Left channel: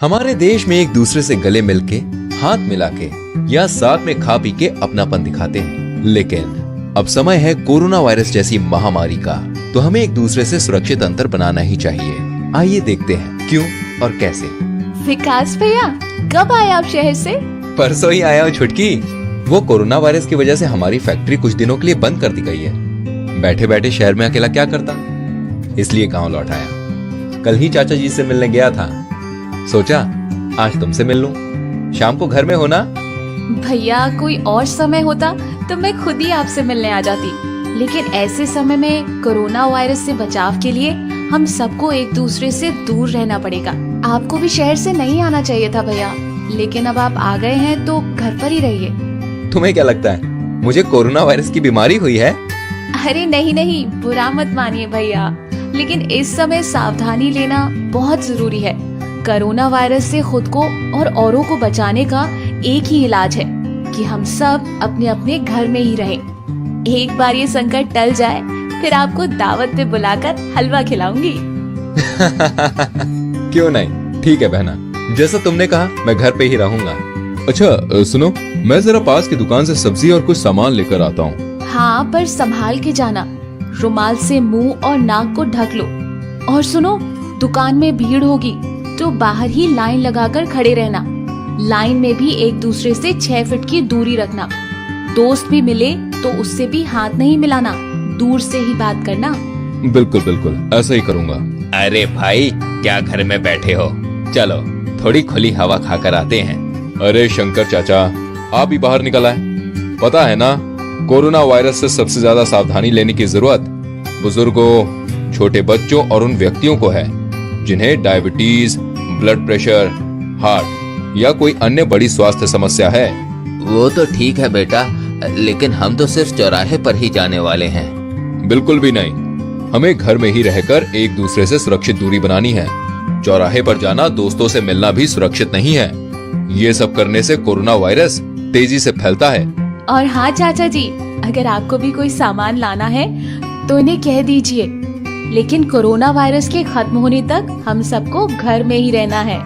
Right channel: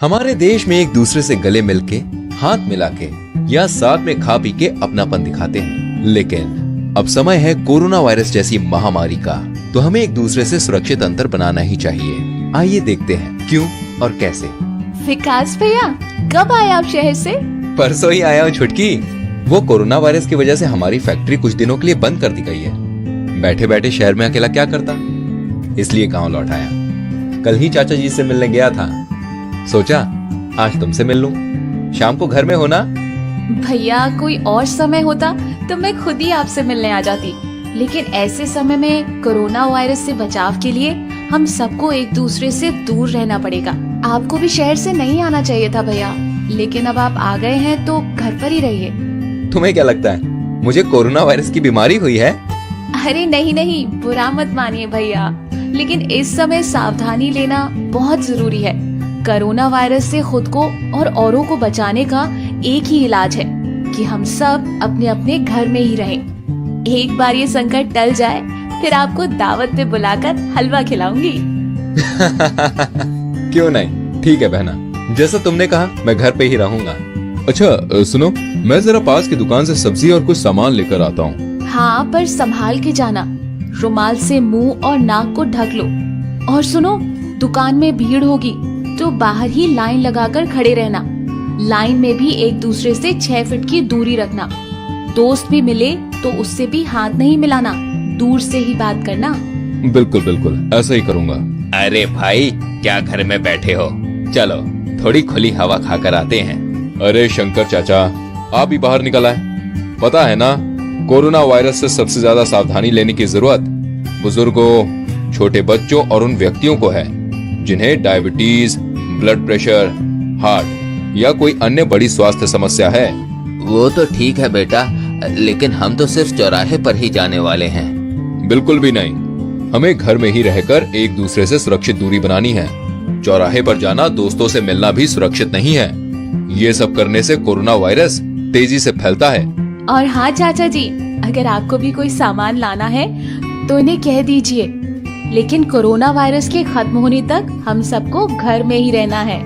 हमारे देश में एक दूसरे से गले मिलके, हाथ मिला के या साथ में खा पी के अपनापन दिखाते हैं। लेकिन अब समय है कोरोना वायरस जैसी महामारी का, तो हमें एक दूसरे से सुरक्षित अंतर बनाना ही चाहिए। आइए देखते हैं क्यों और कैसे। विकास भैया, कब आए आप शहर से? परसों ही आया हूँ छुटकी। वो कोरोना वायरस की वजह से हमारी फैक्ट्री कुछ दिनों के लिए बंद कर दी गई है। बैठे बैठे शहर में अकेला क्या करता, इसलिए गांव लौट आया। कल ही चाचा जी से मिलने गया था, सोचा आज तुमसे मिल लूं। शाम को घर में होना। भैया, कोई और समय होता तो मैं खुद ही आपसे मिलने आ जाती, लेकिन ऐसे समय में कोरोना वायरस से बचाव के लिए हम सबको एक दूसरे से दूर रहना पड़ेगा। आपको भी शहर से नहीं आना चाहिए था भैया, लेकिन अब आप आ गए हैं तो घर पर ही रहिए। तुम्हें क्या लगता है मुझे कोरोना वायरस की बीमारी हुई है? अरे नहीं, बुरा मत मानिए भैया, लेकिन इस समय सावधानी लेना बहुत जरूरी है। कोरोना वायरस से खुद को और औरों को बचाने का एक ही इलाज है कि हम सब अपने अपने घर में ही रहें। एक बार ये संकट टल जाए, फिर आपको दावत पे बुलाकर हलवा खिलाऊंगी। क्यों नहीं, ठीक है बहना, जैसा तुमने कहा मैं घर पे ही रहूंगा। अच्छा सुनो, मैं जरा पास की दुकान से सब्जी और कुछ सामान लेकर आता हूँ। हाँ, पर संभाल के जाना। रुमाल से मुंह और नाक को ढक लो। और सुनो, दुकान में भीड़ होगी तो बाहर ही लाइन लगाकर खड़े रहना। लाइन में भी एक दूसरे से 6 फीट की दूरी रखना। दोस्त भी मिले तो उससे भी हाथ नहीं मिलाना, दूर से ही बात करना। बिल्कुल बिल्कुल, ऐसा ही करूँगा। अरे भाई, क्या घर में बैठे हो, चलो थोड़ी खुली हवा खाकर आते हैं। अरे शंकर चाचा, आप ही बाहर निकल आए। पता है ना, कोरोना वायरस से सबसे ज्यादा सावधानी लेने की जरूरत बुजुर्गों, छोटे बच्चों और उन व्यक्तियों को है जिन्हें डायबिटीज, ब्लड प्रेशर, हार्ट या कोई अन्य बड़ी स्वास्थ्य समस्या है। वो तो ठीक है बेटा, लेकिन हम तो सिर्फ चौराहे पर ही जाने वाले हैं। बिल्कुल भी नहीं, हमें घर में ही रहकर एक दूसरे से सुरक्षित दूरी बनानी है। चौराहे पर जाना, दोस्तों से मिलना भी सुरक्षित नहीं है। ये सब करने से कोरोना वायरस तेजी से फैलता है। और हाँ चाचा जी, अगर आपको भी कोई सामान लाना है तो इन्हें कह दीजिए, लेकिन कोरोना वायरस के खत्म होने तक हम सबको घर में ही रहना है।